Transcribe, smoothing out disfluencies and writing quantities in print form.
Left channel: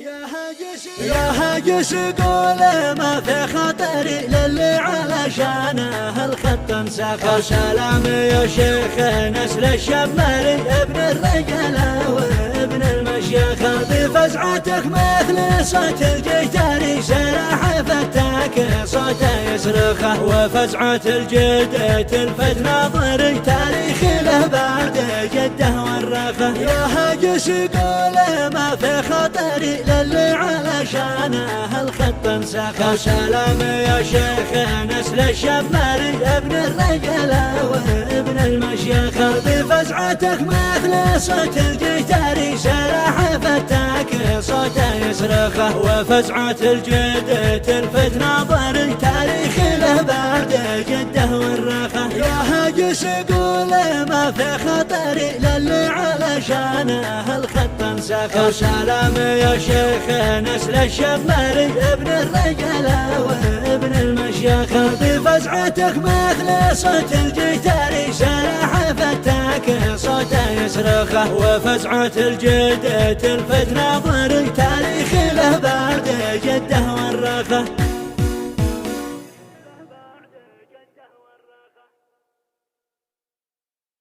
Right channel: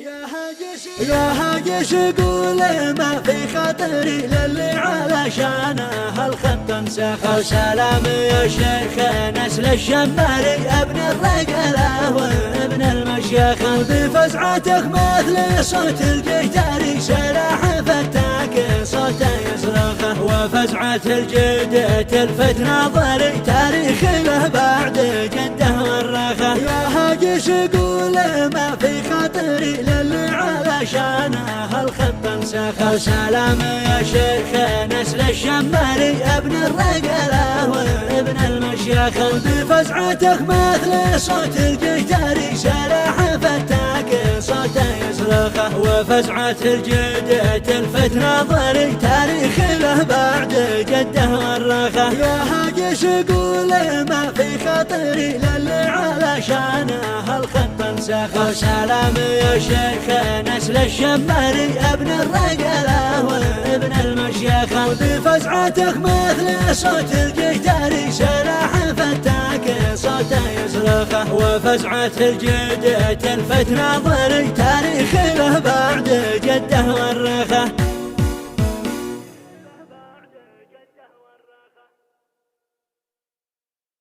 يا هاجس قول ما في خطري للي علشانه الخط انسخ. سلام يا شيخ نسل الشماري ابن الرجله وابن المشيخ، بفزعتك مثل صوت الجيتاري سلاح فتاك صوته يصرخه، وفزعة الجد تلفت ناظري تاريخ له بعد جده ورخه. يا هاجس قول ما في خطري للي علشانه الخط انسخ. سلام يا شيخ نسل الشماري ابن الرجله وابن المشيخ، بفزعتك مثل صوت الجيتاري سلاح فتاك صوته يصرخه، وفزعة الجد تلفت ناظري تاريخ له بعد جده ورخه. يا هاجس قول ما في خطري للي علشانه الخط انسخ. سلام يا شيخ نسل الشماري ابن الرجله وابن المشيخ، بفزعتك مثل صوت الجيتاري سلاح فتاك صوته يصرخه، وفزعة الجد تلفت ناظري تاريخ له بعد جده ورخه.